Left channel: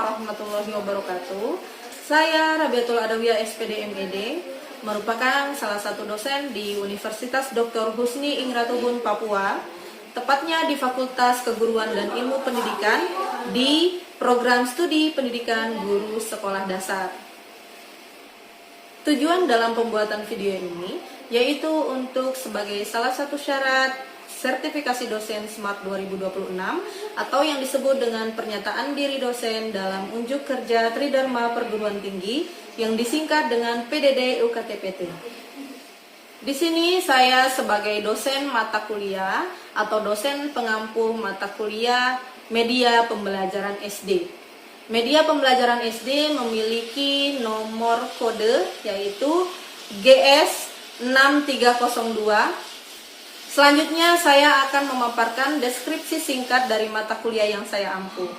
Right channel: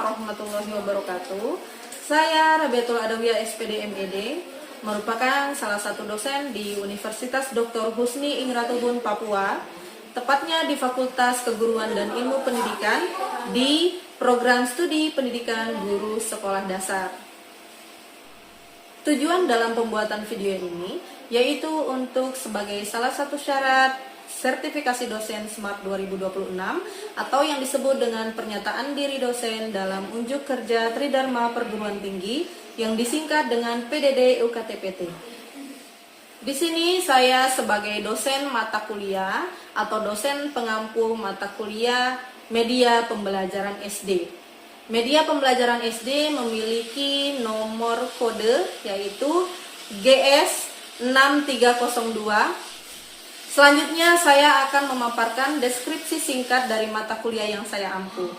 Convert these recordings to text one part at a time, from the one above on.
warahmatullahi wabarakatuh. Saya Rabiatul Adawiyah SPD MED, merupakan salah satu dosen di Universitas Dr. Husni Ingratubun Papua, tepatnya di Fakultas Keguruan dan Ilmu Pendidikan di Program Studi Pendidikan Guru Sekolah Dasar. Tujuan dalam pembuatan video ini yaitu untuk sebagai salah satu syarat sertifikasi dosen SMART 2026 atau yang disebut dengan pernyataan diri dosen dalam unjuk kerja Tridharma Perguruan Tinggi yang disingkat dengan PDD UKTPT. Di sini saya sebagai dosen mata kuliah atau dosen pengampu mata kuliah Media Pembelajaran SD. Media Pembelajaran SD memiliki nomor kode yaitu GS 6302. Selanjutnya saya akan memaparkan deskripsi singkat dari mata kuliah yang saya ampu,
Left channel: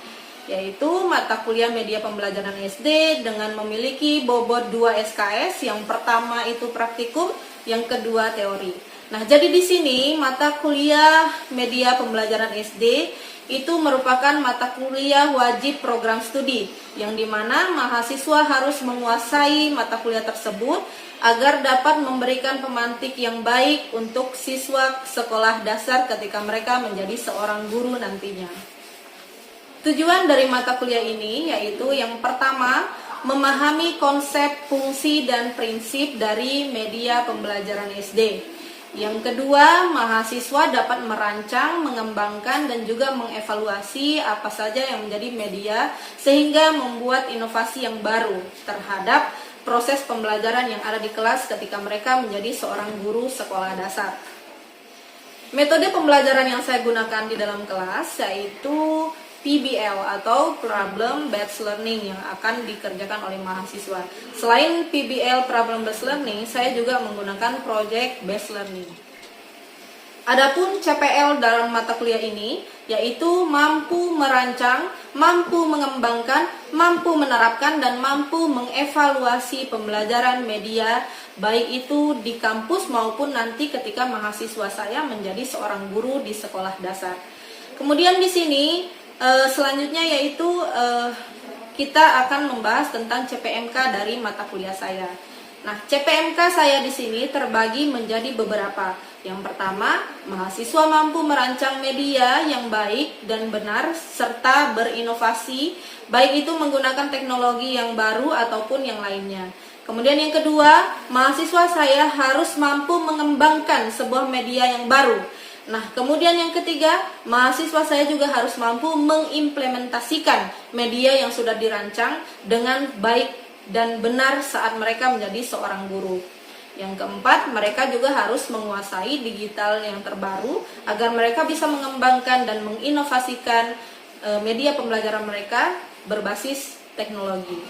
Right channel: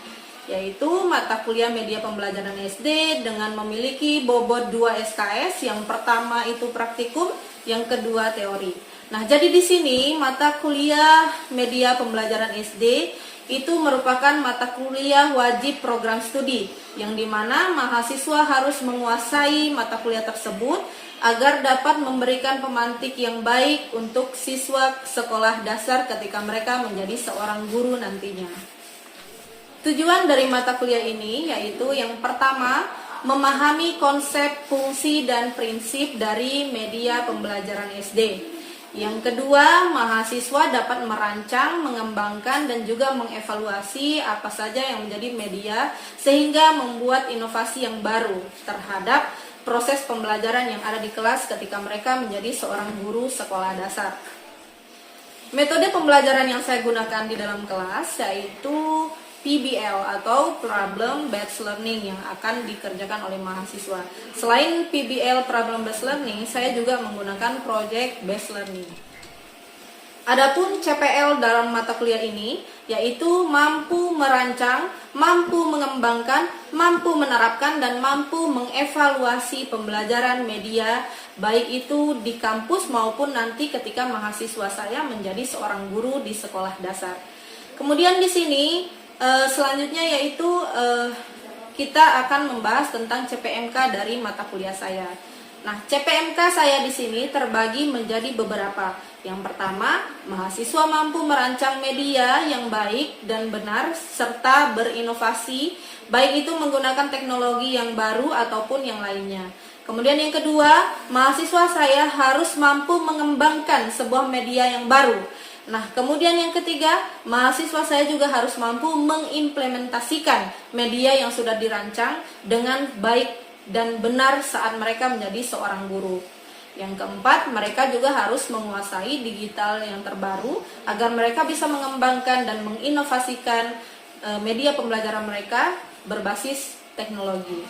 yaitu mata kuliah Media Pembelajaran SD dengan memiliki bobot 2 SKS, yang pertama itu praktikum, yang kedua teori. Nah, jadi di sini mata kuliah Media Pembelajaran SD itu merupakan mata kuliah wajib program studi, yang dimana mahasiswa harus menguasai mata kuliah tersebut agar dapat memberikan pemantik yang baik untuk siswa sekolah dasar ketika mereka menjadi seorang guru nantinya. Tujuan dari mata kuliah ini yaitu yang pertama, memahami konsep, fungsi, dan prinsip dari media pembelajaran SD. Yang kedua, mahasiswa dapat merancang, mengembangkan, dan juga mengevaluasi apa saja yang menjadi media sehingga membuat inovasi yang baru terhadap proses pembelajaran yang ada di kelas ketika mereka menjadi seorang guru sekolah dasar. Metode pembelajaran yang saya gunakan di dalam kelas yaitu PBL atau Problem Based Learning yang akan dikerjakan oleh mahasiswa. Selain PBL Problem Based Learning, saya juga menggunakan Project Based Learning. Adapun CPL dalam mata kuliah ini yaitu mampu merancang, mampu mengembangkan, mampu menerapkan, dan mampu mengevaluasi pembelajaran media baik itu di kampus maupun nanti ketika mahasiswa saya menjadi seorang guru di sekolah dasar. Kemudian di sini selanjutnya yaitu kita akan membahas tentang CPMK dari mata kuliah saya. Nah, CPMK saya di sini terbagi menjadi beberapa. Yang pertama, mahasiswa mampu merancang media yang baik dan benar serta berinovasi, baik itu menggunakan teknologi yang baru ataupun yang lainnya. Kemudian yang kedua, mahasiswa saya harus mampu mengembangkan sebuah media yang baru. Nah, kemudian yang ketiga, mahasiswa saya juga harus mampu mengimplementasikan media yang sudah dirancang dengan baik dan benar saat mereka menjadi seorang guru. Yang keempat, mereka juga harus menguasai digital yang terbaru agar mereka bisa mengembangkan dan menginovasikan media pembelajaran mereka berbasis teknologi.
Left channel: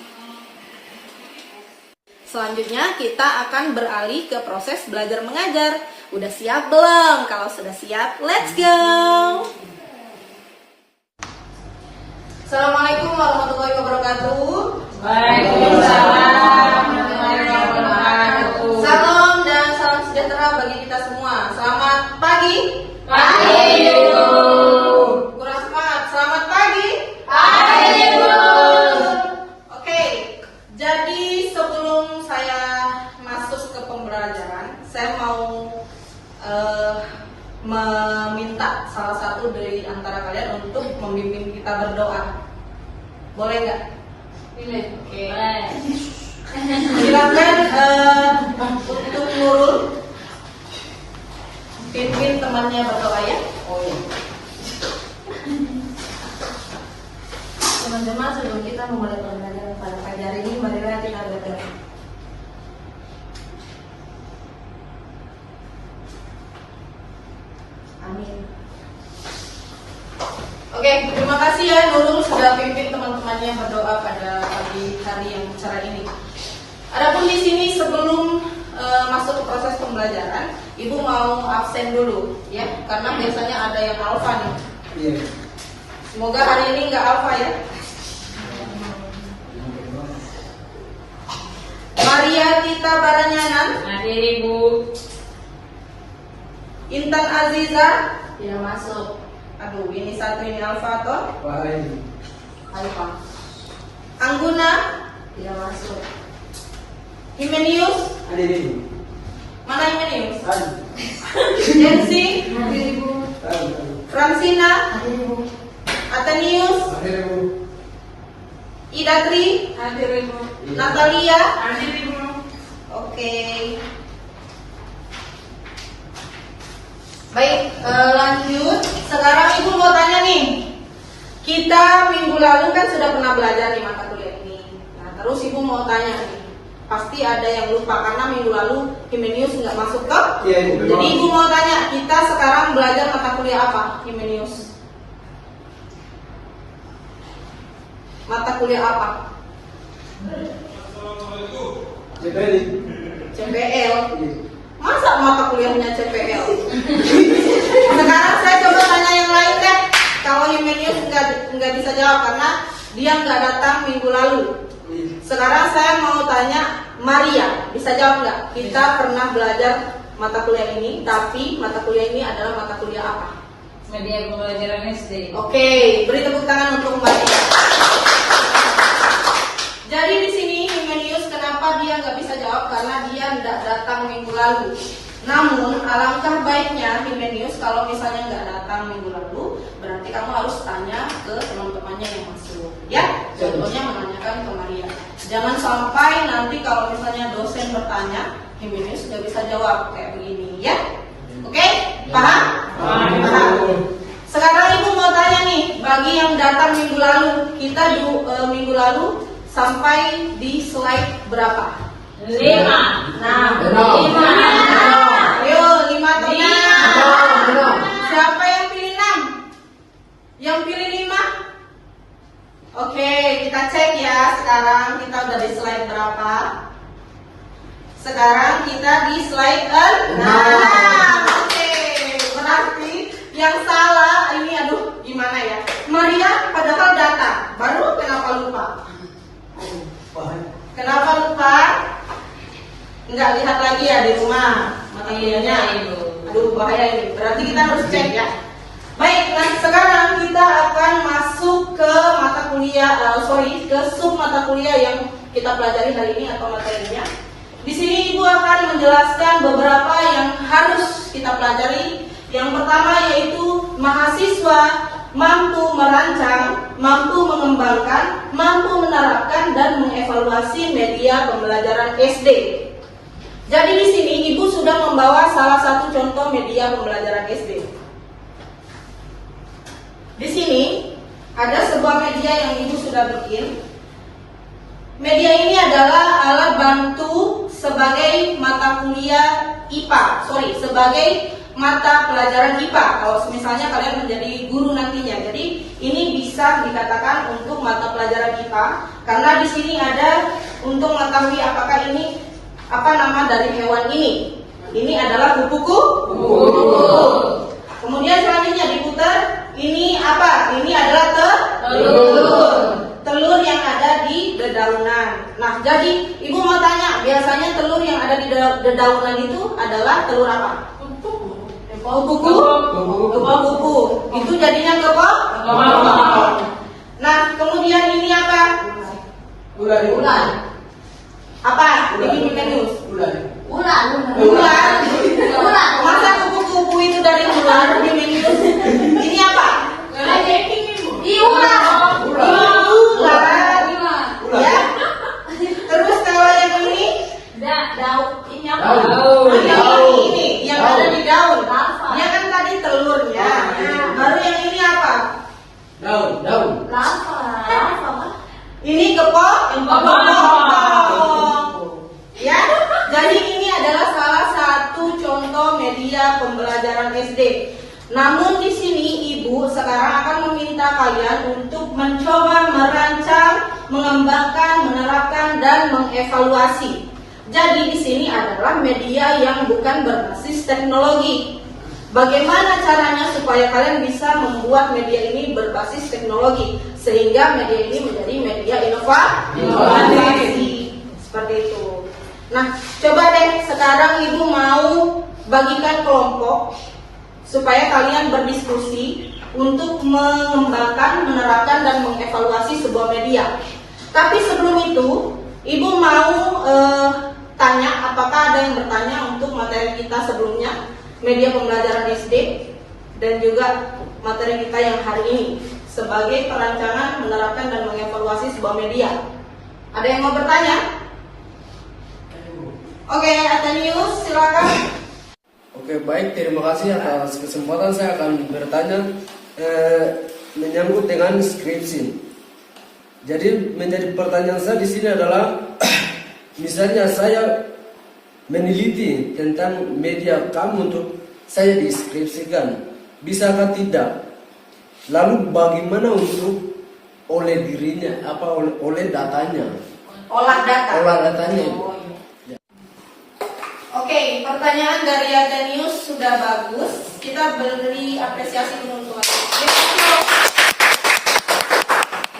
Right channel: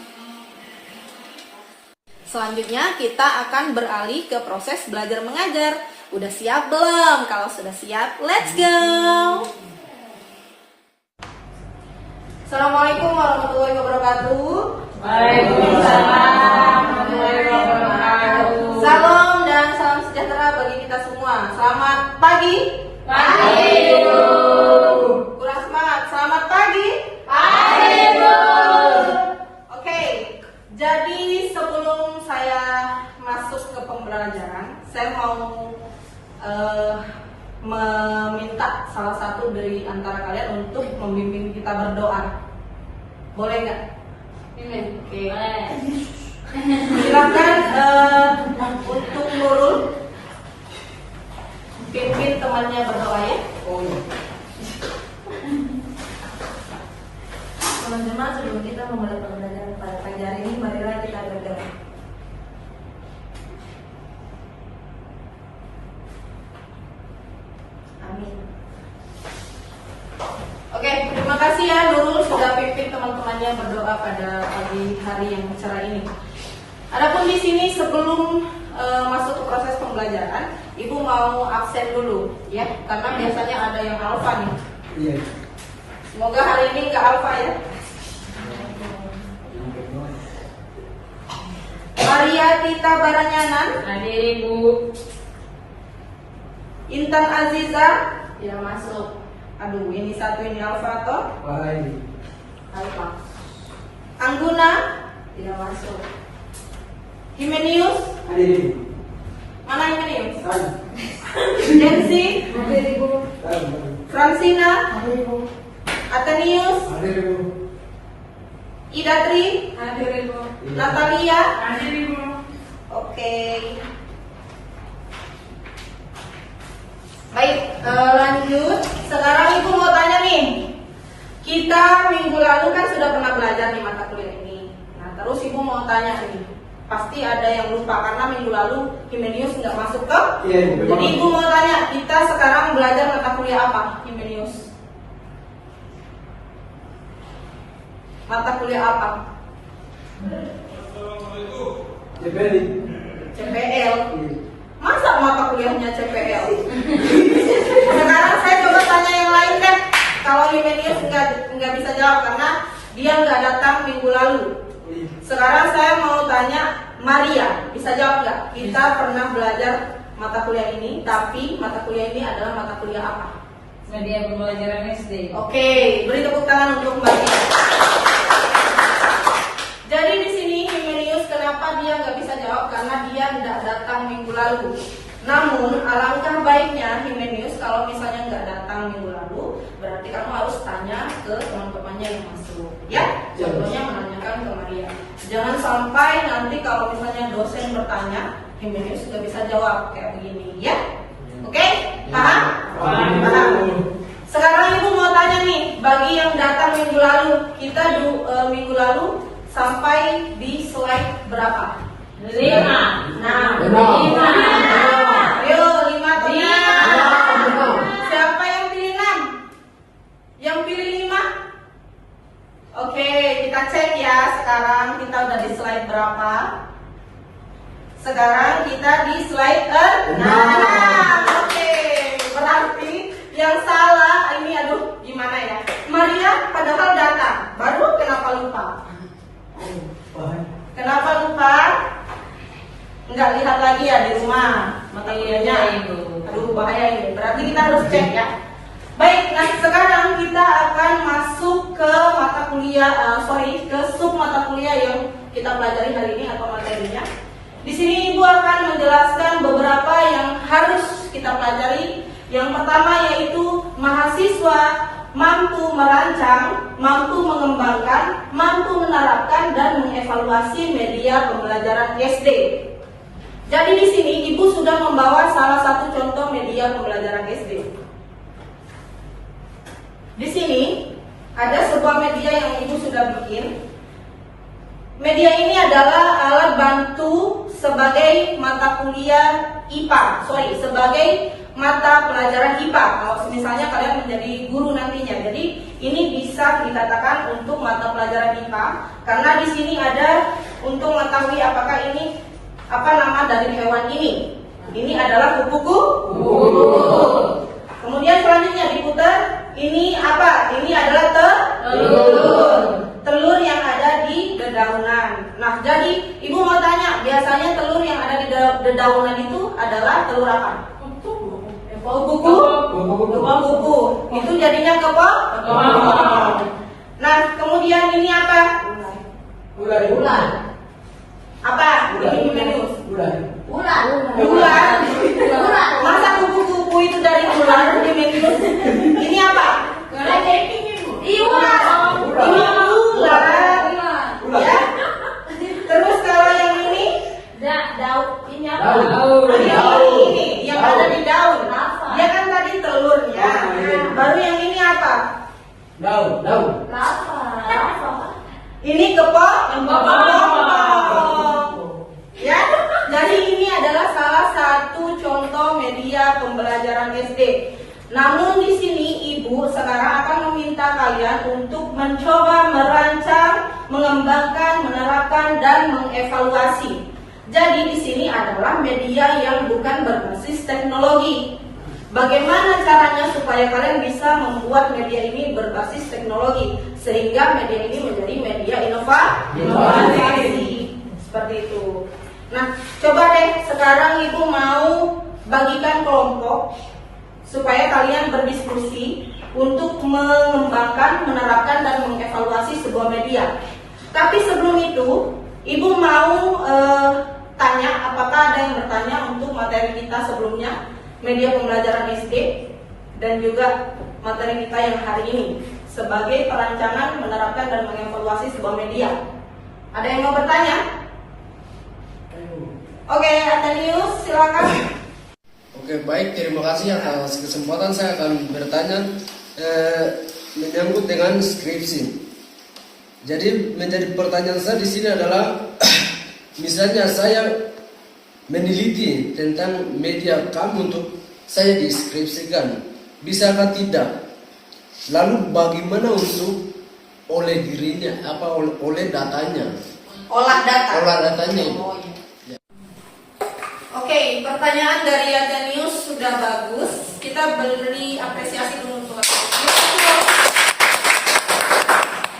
Selanjutnya kita akan beralih ke proses belajar mengajar. Udah siap belum? Kalau sudah siap, let's go! Assalamualaikum warahmatullahi wabarakatuh. Waalaikumsalam. Salam dan salam sejahtera bagi kita semua. Selamat pagi. Pagi, Bu. Kurang semangat. Selamat pagi. Pagi, Bu. Oke, jadi sebelum saya masuk ke pembelajaran, saya mau meminta salah satu dari antara kalian untuk membimbing kita berdoa. Boleh nggak? Oke. Silakan untuk Nurul pimpin temannya berdoa ya. Teman-teman, sebelum kita memulai pembelajaran pada pagi hari ini, marilah kita berdoa. Amin. Oke, terima kasih ya Nurul sudah pimpin teman-temannya berdoa pada pagi hari yang cerah ini. Adapun di sini sebelum masuk ke proses pembelajaran, Ibu mau absen dulu ya, karena biasanya ada yang alfa nih. Iya. Semoga hari ini nggak alfa ya. Maria Tita Baranyanan, Hadir, Ibu. Intan Aziza, Ya, masuk. aduh ini satu ini alfa atau Wahai. alfa. Angguna? Tidak masuk. Himenius? Ada Ibu. Mana Himenius? Ada. Nancy? Ada Ibu. Francina? Ada Ibu. Athenius? Ada Ibu. Idatri? Ada Ibu. Natalia? Ada Ibu. Oke. Baik, lanjut. Sekarang Ibu mau tanya nih. Kita minggu lalu kan sudah pernah belajar di mata kuliah ini. Nah, terus Ibu mau tanya nih. Pasti ada yang lupa karena minggu lalu Himenius nggak masuk ke. Iya, Ibu. Jadi Ibu mau tanya, kita sekarang belajar mata kuliah apa, Himenius? Mata kuliah apa? CPL. CPL. Masa mata kuliahnya CPL? Sekarang saya coba tanya yang lain deh. Kalau Himenius nggak bisa jawab karena dia nggak datang minggu lalu. Sekarang saya mau tanya Maria, bisa jawab nggak? Kita pernah belajar mata kuliah ini, tapi mata kuliah ini adalah mata kuliah apa? Media pembelajaran SD. Oke, beri tepuk tangan untuk Maria. Jadi di sini Himenius kenapa dia nggak bisa jawab? Karena dia nggak datang minggu lalu. Namun alangkah baiknya Himenius kalau misalnya nggak datang minggu lalu, berarti kamu harus tanya ke teman-temannya yang masuk. Ya, contohnya menanyakan ke Maria. Jangan sampai nanti kalau misalnya dosen bertanya, Himenius nggak bisa jawab kayak begini. Ya, oke? Paham? Paham. Sekarang Ibu mau tanya nih, bagi yang datang minggu lalu, kita minggu lalu sampai di slide berapa? 5. Nah, 5. Ayo, 5 tenang. Siapa yang pilih 6? Yang pilih 5? Oke, kita cek ya. Sekarang kita udah di slide berapa? Sekarang kita di slide 6. Oke, berarti yang salah ini, aduh, gimana ya? Maria padahal datang, baru kenapa lupa? Kenapa lupa? Enggak lihat lagi ya di rumah mata kuliahnya. Aduh, bahaya ini. Berarti kita harus cek ya. Baik, nah sekarang kita akan masuk ke mata kuliah, ke sub mata kuliah yang kita pelajari hari ini atau materinya. Di sini Ibu akan menjelaskan beberapa yang harus kita pelajari. Yang pertama yaitu mahasiswa mampu merancang, mampu mengembangkan, mampu menerapkan dan mengevaluasi media pembelajaran SD. Jadi di sini Ibu sudah membawa salah satu contoh media pembelajaran SD. Di sini ada sebuah media yang Ibu sudah bikin. Media ini adalah alat bantu sebagai mata kuliah IPA, sebagai mata pelajaran IPA. Kalau misalnya kalian menjadi guru nantinya, jadi ini bisa dikatakan untuk mata pelajaran IPA karena di sini ada untuk mengetahui apakah ini apa nama dari hewan ini. Ini adalah kupu-kupu. Kemudian selanjutnya diputar. Ini apa? Ini adalah telur. Telur yang ada di dedaunan. Nah, jadi Ibu mau tanya, biasanya telur yang ada di dedaunan itu adalah telur apa? Kupu-kupu. Itu jadinya kepok. Nah, kemudian ini apa? Ular. Apa? Ini Himenius. Ular. Masa kupu-kupu itu dari ular, Himenius? Ini apa? Ular. Ya. Terus kalau yang ini? Daun. Ini yang ada di daun. Dia kan tadi telurnya. Baru yang ini apa? Daun. Ini kepok. Ya, jadi ini adalah salah satu contoh media pembelajaran SD. Namun di sini Ibu sekarang akan meminta kalian untuk mencoba merancang, mengembangkan, menerapkan dan mengevaluasi. Jadi di sini adalah media yang bukan berbasis teknologi. Bagaimana caranya supaya kalian bisa membuat media ini berbasis teknologi sehingga media ini menjadi media inovasi. Seperti itu. Nah, coba deh sekarang Ibu mau bagikan kelompok supaya kalian berdiskusi untuk mengembangkan, menerapkan dan mengevaluasi sebuah media. Tapi sebelum itu, Ibu mau tanya, apakah ada yang bertanya untuk materi kita sebelumnya, media pembelajaran SD, dan juga materi kita yang hari ini sebagai perancangan menerapkan dan mengevaluasi sebuah media. Ada yang mau bertanya? Oke, Atenius, silakan. Oke, baik, terima kasih atas kesempatan. Saya akan bertanya menyangkut dengan skripsi. Jadi menjadi pertanyaan saya di sini adalah misalnya saya meneliti tentang media kamu untuk saya deskripsikan, bisakah tidak? Lalu bagaimana untuk oleh dirinya, oleh datanya? Olah data. Olah datanya. Oh, iya. Oke, pertanyaan dari Atenius sudah bagus. Kita beri apresiasi dulu untuk Atenius.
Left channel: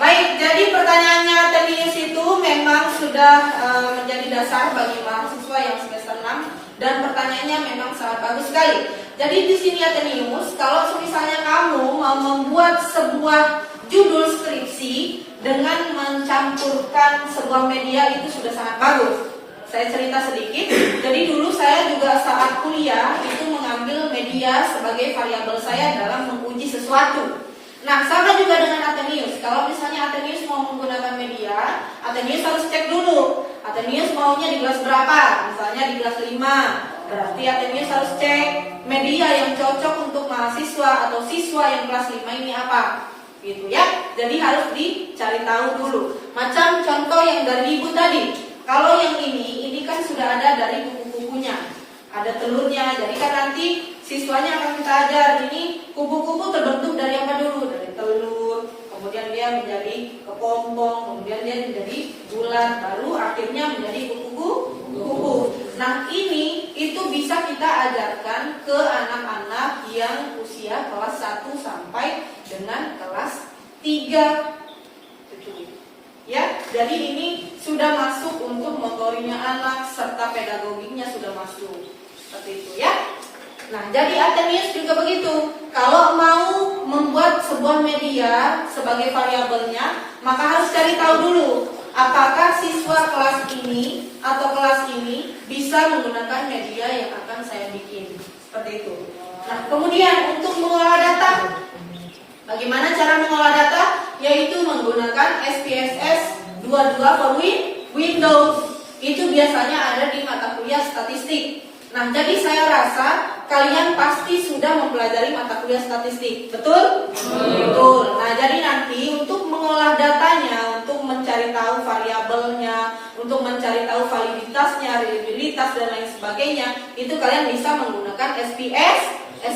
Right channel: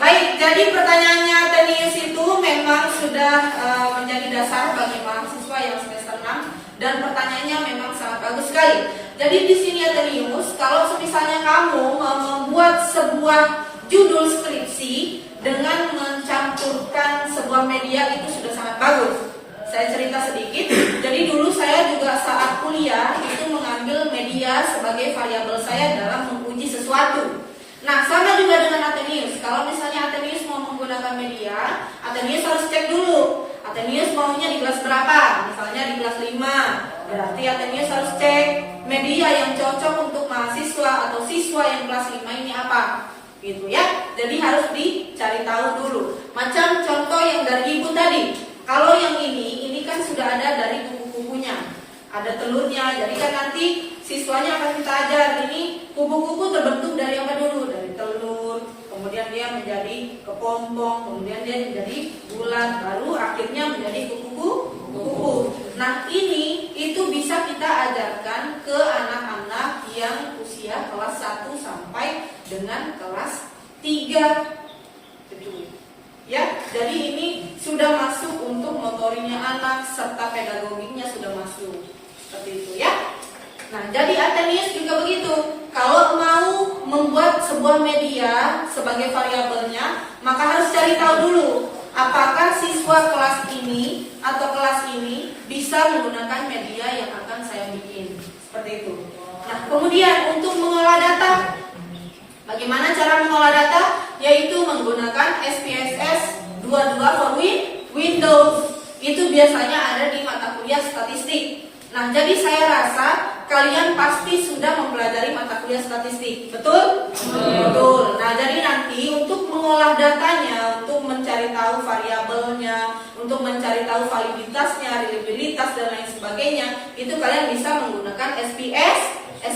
Baik, jadi pertanyaannya Atenius itu memang sudah menjadi dasar bagi mahasiswa yang semester 6 dan pertanyaannya memang sangat bagus sekali. Jadi di sini Atenius, kalau misalnya kamu mau membuat sebuah judul skripsi dengan mencampurkan sebuah media itu sudah sangat bagus. Saya cerita sedikit. Jadi dulu saya juga saat kuliah itu mengambil media sebagai variabel saya dalam menguji sesuatu. Nah, sama juga dengan Atenius. Kalau misalnya Atenius mau menggunakan media, Atenius harus cek dulu. Atenius maunya di kelas berapa? Misalnya di kelas 5. Berarti Atenius harus cek media yang cocok untuk mahasiswa atau siswa yang kelas 5 ini apa. Gitu ya. Jadi harus dicari tahu dulu. Macam contoh yang dari Ibu tadi. Kalau yang ini kan sudah ada dari kubu-kubunya. Ada telurnya. Jadi kan nanti siswanya akan kita ajar ini kubu-kubu terbentuk dari apa dulu? Dari telur, kemudian dia menjadi kepompong, kemudian dia menjadi bulat, baru akhirnya menjadi kubu-kubu. Nah, ini itu bisa kita ajarkan ke anak-anak yang usia kelas 1 sampai dengan kelas 3. Ya, jadi ini sudah masuk untuk motorinya anak serta pedagoginya sudah masuk. Seperti itu ya. Nah, jadi Atenius juga begitu. Kalau mau membuat sebuah media sebagai variabelnya, maka harus cari tahu dulu apakah siswa kelas ini atau kelas ini bisa menggunakan media yang akan saya bikin. Seperti itu. Nah, kemudian untuk mengolah data, bagaimana cara mengolah data? Yaitu menggunakan SPSS 22 for Windows. Itu biasanya ada di mata kuliah statistik. Nah, jadi saya rasa kalian pasti sudah mempelajari mata kuliah statistik, betul? Betul. Nah, jadi nanti untuk mengolah datanya, untuk mencari tahu variabelnya, untuk mencari tahu validitasnya, reliabilitas dan lain sebagainya, itu kalian bisa menggunakan SPSS.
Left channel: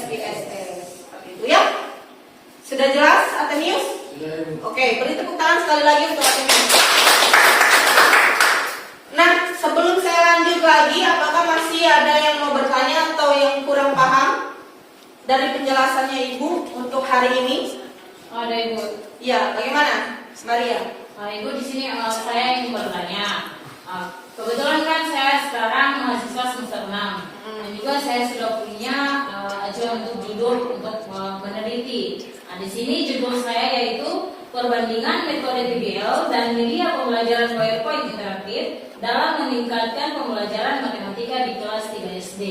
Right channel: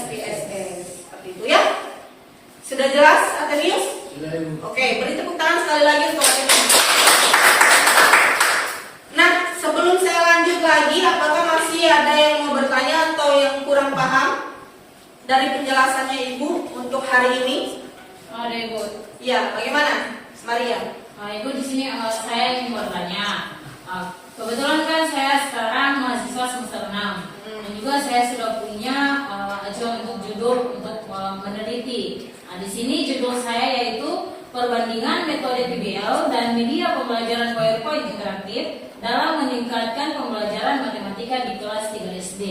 Seperti itu ya. Sudah jelas, Atenius? Oke, beri tepuk tangan sekali lagi untuk Atenius. Nah, sebelum saya lanjut lagi, apakah masih ada yang mau bertanya atau yang kurang paham dari penjelasannya Ibu untuk hari ini? Ada Ibu. Ya, bagaimana, Maria? Nah, Ibu di sini saya ingin bertanya. Kebetulan kan saya sekarang mahasiswa semester 6 dan juga saya sudah punya ajuan untuk judul untuk meneliti. Nah, di sini judul saya yaitu perbandingan metode PBL dan media pembelajaran PowerPoint interaktif dalam meningkatkan pembelajaran matematika di kelas 3 SD.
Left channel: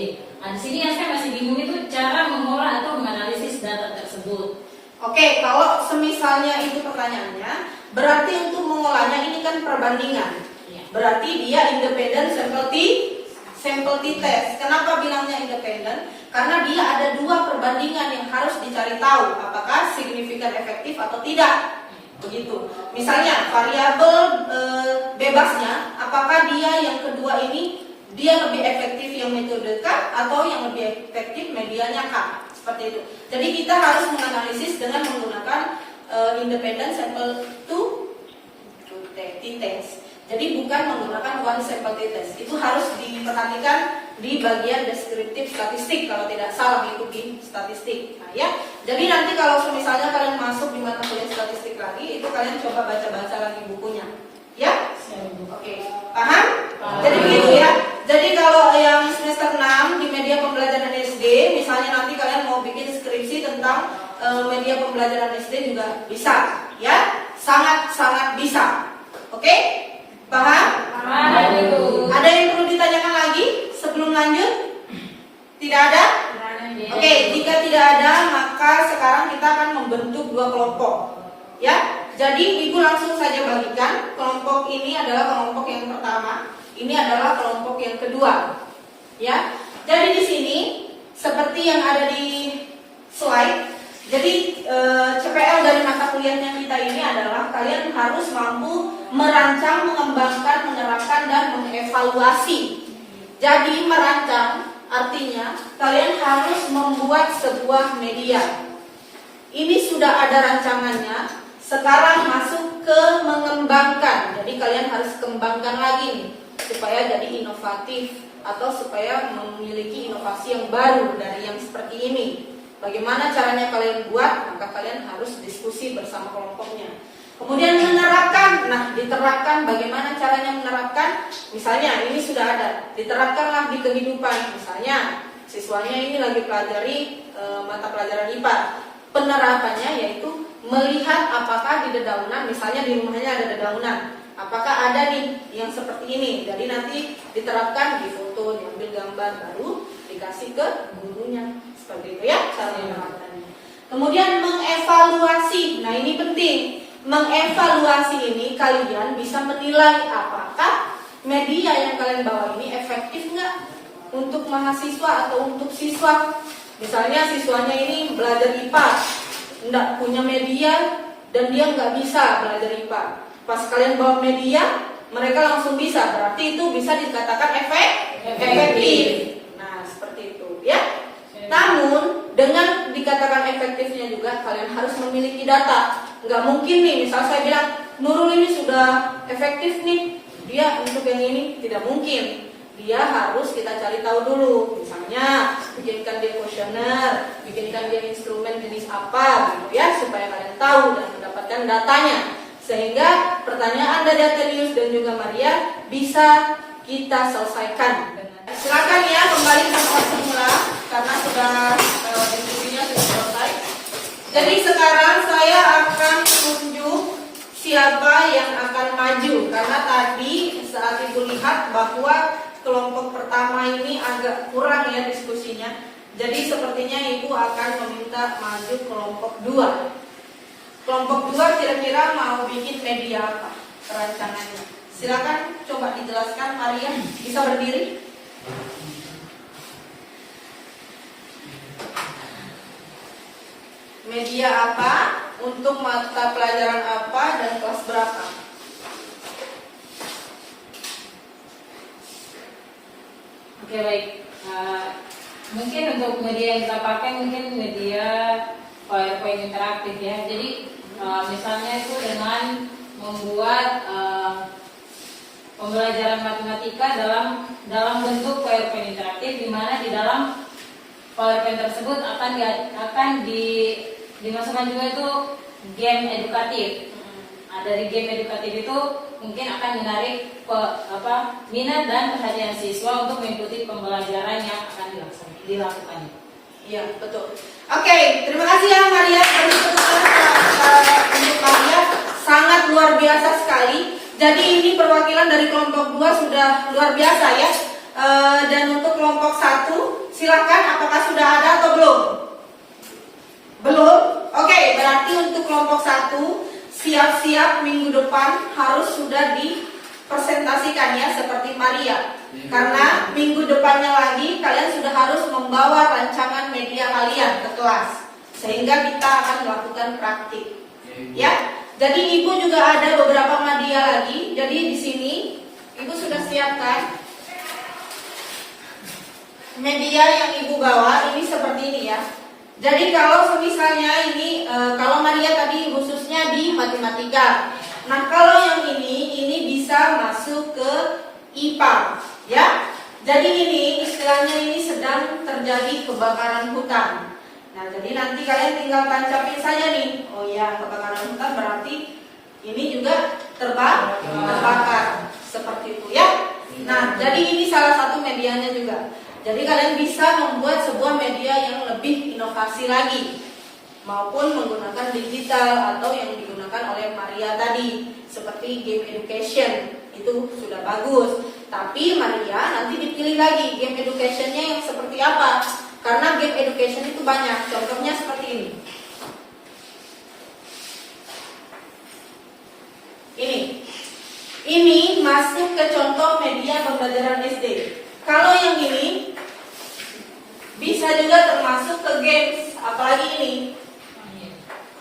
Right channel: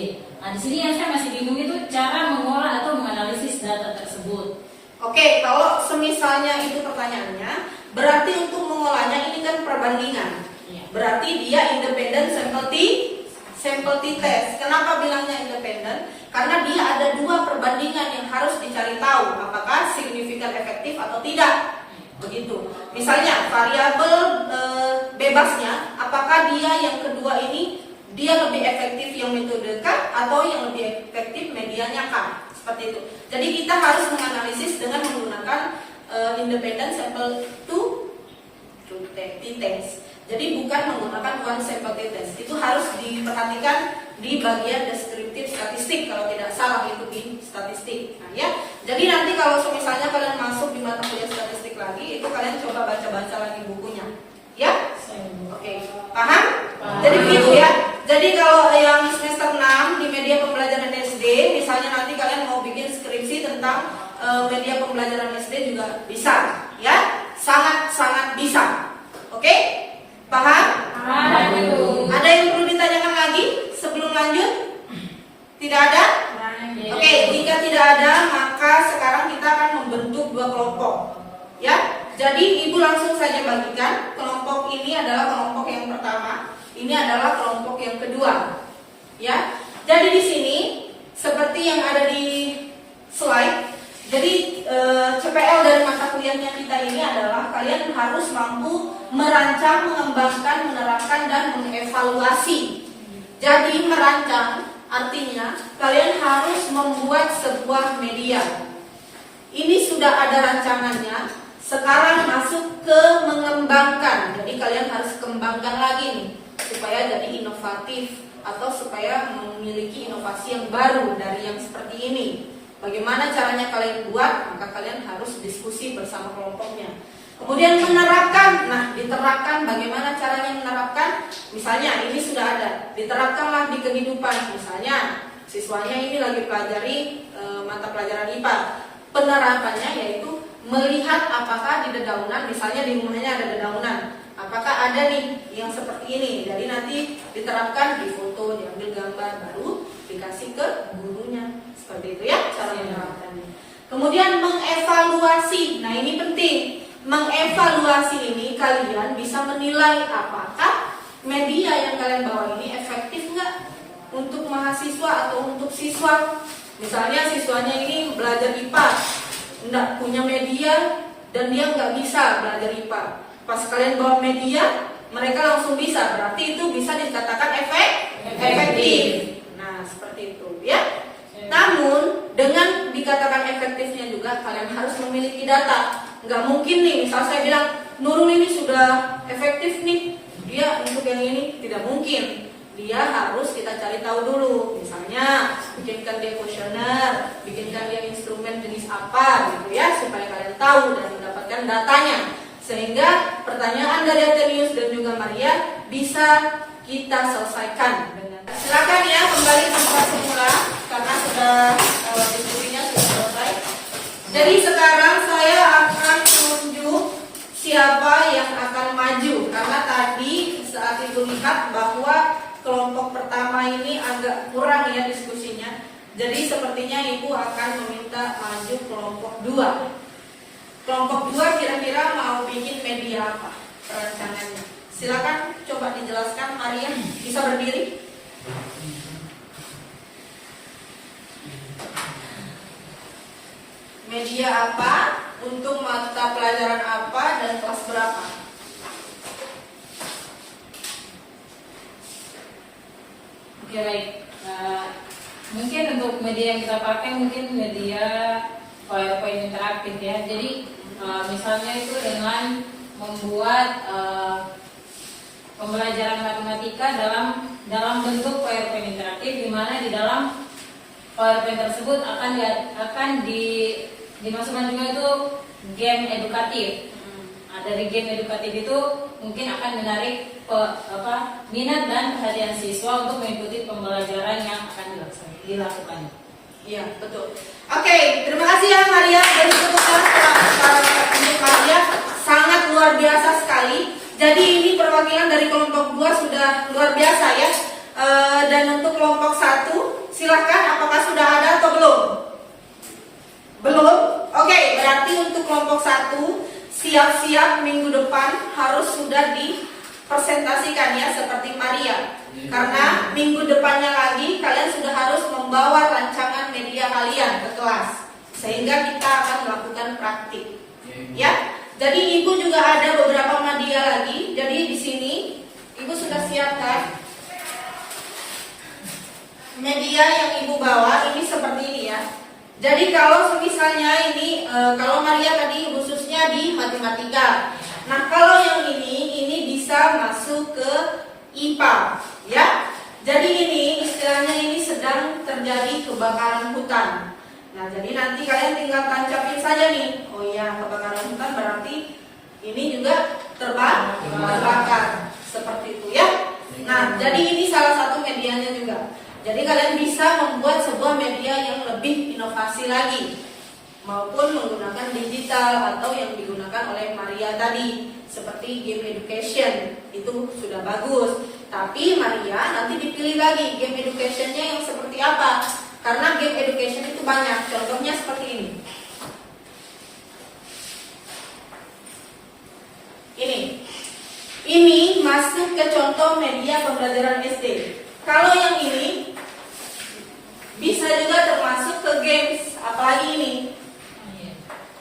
Nah, di sini yang saya masih bingung itu cara mengolah atau menganalisis data tersebut. Oke, kalau semisalnya itu pertanyaannya, berarti untuk mengolahnya ini kan perbandingan. Berarti dia independent sample t-test. Kenapa bilangnya independent? Karena dia ada dua perbandingan yang harus dicari tahu apakah signifikan efektif atau tidak. Begitu. Misalnya variabel bebasnya, apakah dia yang kedua ini dia lebih efektif yang metode K atau yang lebih efektif medianya K. Seperti itu. Jadi kita harus menganalisis dengan menggunakan independent sample t-test. Jadi bukan menggunakan one sample t-test. Itu harus diperhatikan di bagian deskriptif statistik kalau tidak salah itu di statistik. Nah, ya. Jadi nanti kalau misalnya kalian masuk di mata kuliah statistik lagi, itu kalian coba baca-baca lagi bukunya. Ya? Oke. Paham? Jadi begitu ya. Jadi kalau yang semester 6 di media pembelajaran SD, misalnya nanti kalian mau bikin skripsi tentang media pembelajaran SD juga bisa, ya? Sangat-sangat bisa. Oke? lanjut? Tidak ada? Oke, jika tidak ada, maka sekarang kita akan membentuk dua kelompok. Ya, jadi ibu langsung saja bagikan. Kelompok ini adalah kelompok yang pertama, ini adalah kelompok yang kedua. Ya, jadi di sini seperti yang ada di slide. Jadi CPL dari mata kuliahnya kita ini adalah kalian harus mampu merancang, mengembangkan, menerapkan, dan mengevaluasi. Jadi merancang artinya kalian harus membuat sebuah media. Ini sudah ada rancangannya. Sekarang masuk ke mengembangkan. Jadi kalian harus kembangkan lagi nih supaya jadi inovatif atau supaya memiliki inovasi yang baru dari yang seperti ini. Bagaimana caranya kalian buat? Maka kalian harus diskusi bersama kelompoknya. Kemudian menerapkan. Nah, diterapkan bagaimana caranya menerapkan? Misalnya ini sudah ada, diterapkanlah di kehidupan. Misalnya siswanya ini lagi pelajari mata pelajaran IPA. Penerapannya yaitu melihat apakah di dedaunan, misalnya di rumahnya ada dedaunan, apakah ada nih yang seperti ini. Jadi nanti diterapkan di foto, diambil gambar, baru dikasih ke gurunya. Seperti itu ya cara menerapkannya. Kemudian mengevaluasi. Nah, ini penting. Mengevaluasi ini kalian bisa menilai apakah media yang kalian bawa ini efektif nggak untuk mahasiswa atau untuk siswa. Misalnya siswanya ini belajar IPA, nggak punya media dan dia nggak bisa belajar IPA. Pas kalian bawa media, mereka langsung bisa. Berarti itu bisa dikatakan efektif. Nah, seperti itu ya. Namun dengan dikatakan efektifnya juga kalian harus memiliki data. Nggak mungkin nih, misal saya bilang Nurul ini sudah efektif nih, dia untuk yang ini tidak mungkin. Dia harus kita cari tahu dulu. Misalnya bikinkan dia kuesioner, bikinkan dia instrumen jenis apa gitu ya, supaya kalian tahu dan mendapatkan datanya. Sehingga pertanyaan dari Athenius dan juga Maria bisa kita selesaikan dengan. Silakan ya kembali tempat semula karena sudah diskusinya sudah selesai. Jadi sekarang saya akan tunjuk siapa yang akan maju karena tadi saat itu lihat bahwa kelompok pertama ini agak kurang ya diskusinya. Jadi sepertinya ibu akan meminta maju kelompok 2. Kelompok 2 kira-kira mau bikin media apa perancangannya? Silakan coba dijelaskan Maria, bisa berdiri? Media apa, untuk mata pelajaran apa, dan kelas berapa? Oke, baik. Mungkin untuk media yang kita pakai mungkin media PowerPoint interaktif ya. Jadi misalnya itu dengan membuat pembelajaran matematika dalam bentuk PowerPoint interaktif, di mana di dalam PowerPoint tersebut akan dimasukkan juga itu game edukatif. Dari game edukatif itu mungkin akan menarik minat dan perhatian siswa untuk mengikuti pembelajaran yang akan dilakukan. Iya, betul. Oke, terima kasih ya Maria. Beri tepuk tangan untuk Maria, sangat luar biasa sekali. Jadi ini perwakilan dari kelompok 2 sudah luar biasa ya. Dan untuk kelompok 1, silakan, apakah sudah ada atau belum? Belum? Oke, berarti untuk kelompok 1 siap-siap minggu depan harus sudah dipresentasikan ya seperti Maria. Karena minggu depannya lagi kalian sudah harus membawa rancangan media kalian ke kelas. Sehingga kita akan melakukan praktik. Ya. Jadi ibu juga ada beberapa media lagi. Jadi di sini ibu sudah siapkan media yang ibu bawa ini seperti ini ya. Jadi kalau misalnya ini kalau Maria tadi khususnya di matematika. Nah, kalau yang ini bisa masuk ke IPA, ya. Jadi ini istilahnya ini sedang terjadi kebakaran hutan. Nah, jadi nanti kalian tinggal tancapin saja nih. Oh ya, kebakaran hutan berarti ini juga terbakar. Seperti itu ya. Nah, jadi ini salah satu medianya juga. Jadi kalian bisa membuat sebuah media yang lebih inovasi lagi. maupun menggunakan digital atau yang digunakan oleh Maria tadi seperti game education itu sudah bagus. Tapi Maria nanti dipilih lagi game educationnya yang seperti apa, karena game education itu banyak. Contohnya seperti ini. Ini masuk ke contoh media pembelajaran SD. Kalau yang ini bisa juga termasuk ke games, apalagi ini.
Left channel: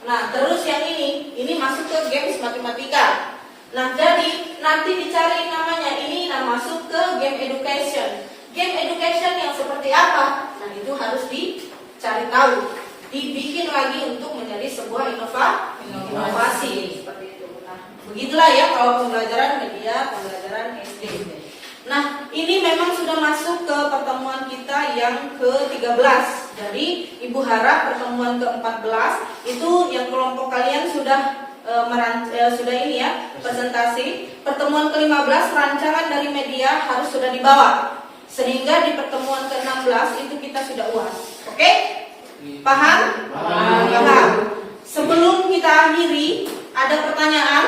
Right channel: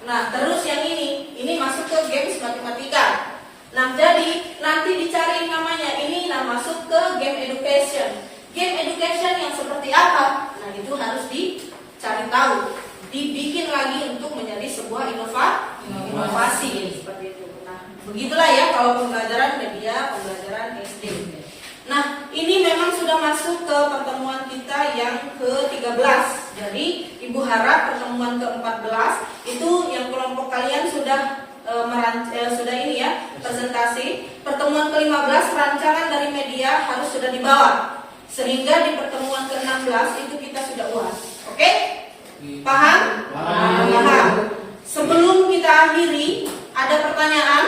Nah, terus yang ini masuk ke games matematika. Nah, jadi nanti dicari namanya, ini masuk ke game education. Game education yang seperti apa? Nah, itu harus dicari tahu, dibikin lagi untuk menjadi sebuah inovasi seperti itu. Nah, begitulah ya kalau pembelajaran media pembelajaran SD. Nah, ini memang sudah masuk ke pertemuan kita yang ke-13. Jadi, Ibu harap pertemuan ke-14 itu yang kelompok kalian sudah sudah ini ya, presentasi. Pertemuan ke-15 rancangan dari media harus sudah dibawa. Sehingga di pertemuan ke-16 itu kita sudah UAS. Oke? Paham? Paham. Sebelum kita akhiri, ada pertanyaan?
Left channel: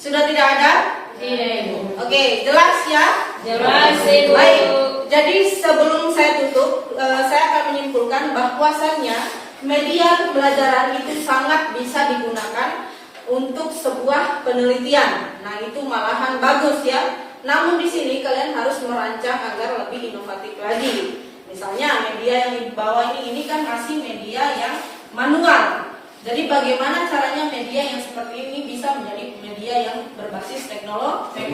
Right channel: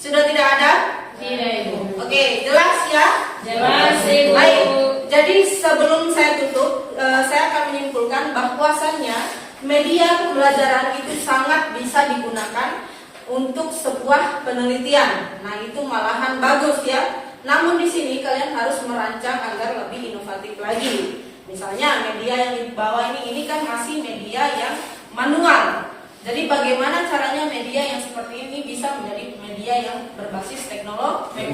Sudah tidak ada? Tidak, Ibu. Oke, jelas ya? Jelas, Ibu. Baik, jadi sebelum saya tutup, saya akan menyimpulkan bahwasannya media pembelajaran itu sangat bisa digunakan untuk sebuah penelitian. Nah, itu malahan bagus ya. Namun di sini kalian harus merancang agar lebih inovatif lagi. Misalnya media yang dibawa ini kan masih media yang manual. Jadi bagaimana caranya media yang seperti ini bisa menjadi media yang berbasis teknologi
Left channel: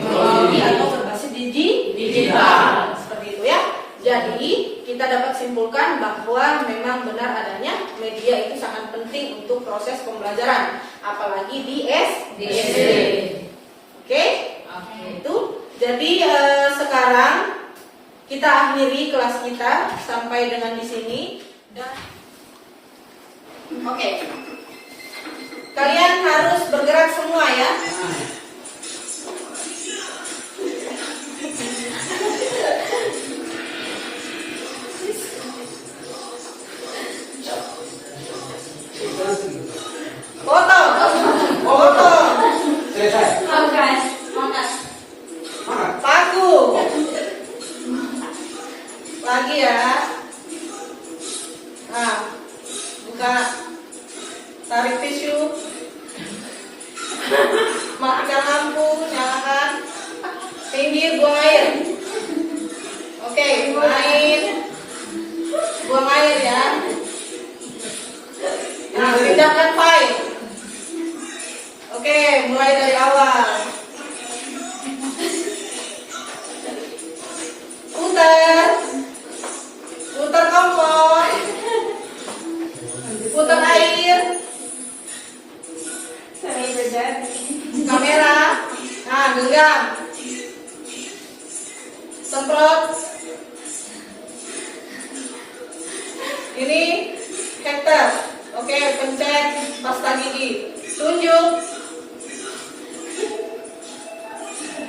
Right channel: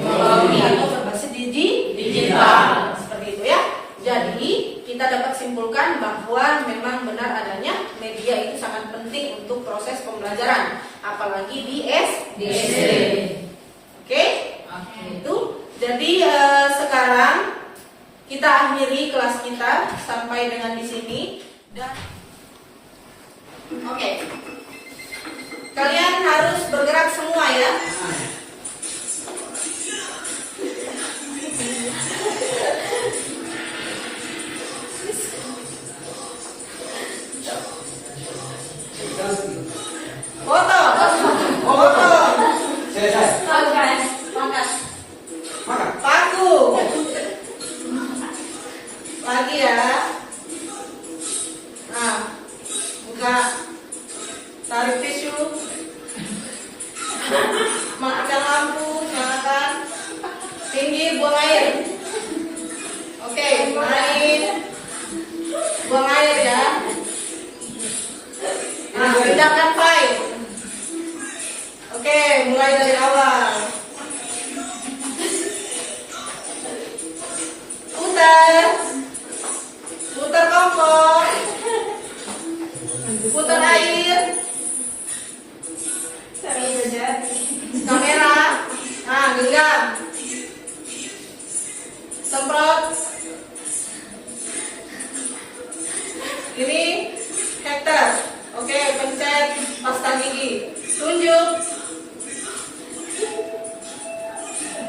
atau berbasis digital seperti itu ya. Jadi kita dapat simpulkan bahwa memang benar adanya media itu sangat penting untuk proses pembelajaran, apalagi di SD. Oke? Itu. Jadi sekarang kita akhiri kelas kita sampai dengan di sini dan oke. Kalian harus bergerak semua ya. Foto. Selesai. Paku. Lagi ya. Nah, buka. Tarik tisu. Matikan lampu, nyalakan. Pinggir, buang air. Oke, buang air. Buang air ya. Nah, pindahkan file. Oke, mulai dari awal. Putar kompor, putar air, kamera, nah genggam, semprot, ini heater, oke pencet pasta gigi, tunjuk,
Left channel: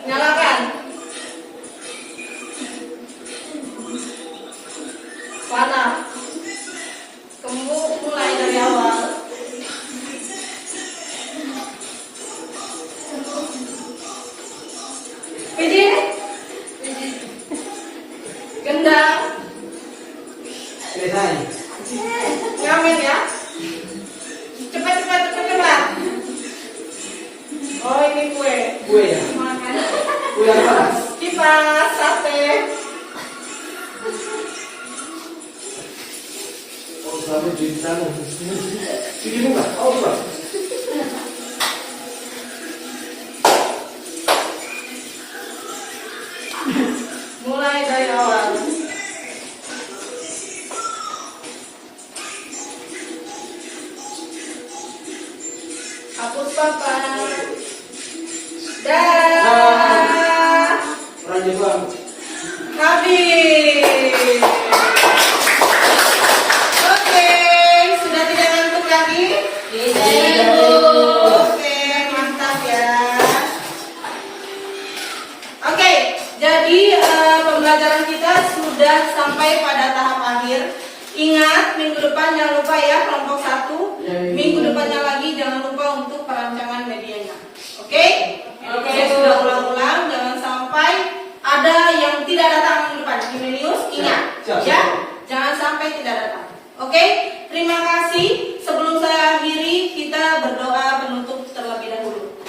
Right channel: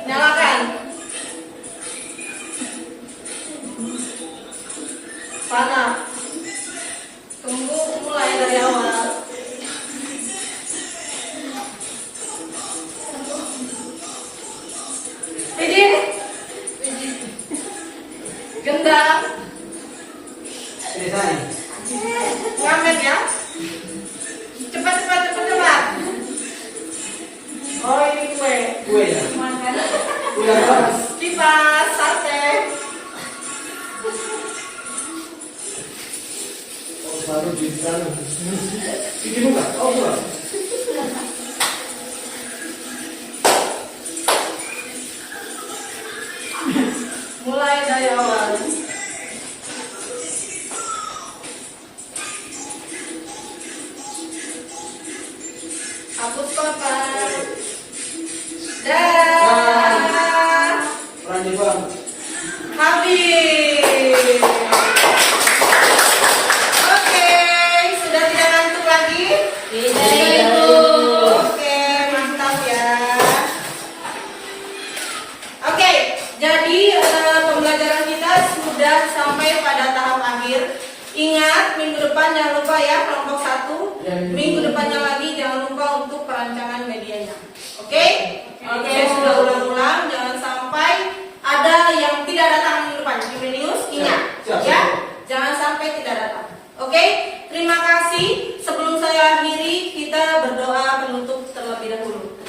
nyalakan. Panah. Tunggu mulai dari awal. Pijit. Gendang. Selesai. Ngamen ya. Cepat. Oh ini kue. Kue ya? Makan. Kue apa? Kipas, sate. Selalu cuci tangan. Ini bukan? Oh bukan. Mulai dari awal. Hapus papan. Dah. Orangnya bang. Habis. Oke, sudah tidak ngantuk lagi? Tidak, Ibu. Oke, mantap ya. Oke, jadi pembelajaran kita sudah sampai pada tahap akhir. Ingat, minggu depan jangan lupa ya kelompok 1. Ya, ya. Minggu depannya lagi jangan lupa untuk perancangan medianya. Oke? Oke. Saya sudah ulang-ulang, jangan sampai ada yang tidak datang minggu depan. Kimenius, ingat Siap. ya, jangan sampai tidak datang. Oke? Terima kasih. Sebelum saya akhiri, kita berdoa penutup terlebih dahulu.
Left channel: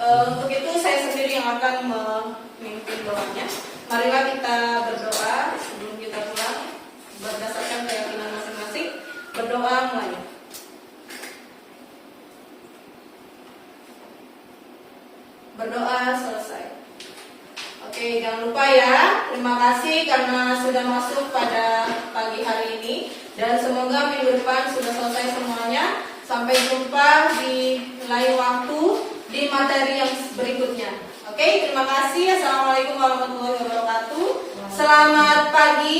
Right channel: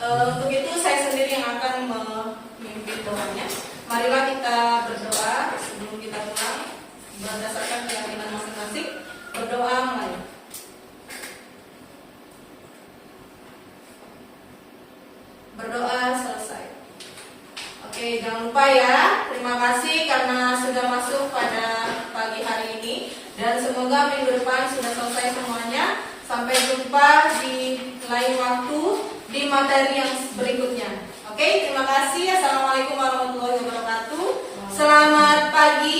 Untuk itu saya sendiri yang akan memimpin doanya. Marilah kita berdoa sebelum kita pulang berdasarkan keyakinan masing-masing. Berdoa mulai. Berdoa selesai. Oke, jangan lupa ya. Terima kasih karena sudah masuk pada pagi hari ini. Dan semoga minggu depan sudah selesai semuanya. Sampai jumpa di lain waktu di materi yang berikutnya. Oke, terima kasih. Assalamualaikum warahmatullahi wabarakatuh. Selamat pagi.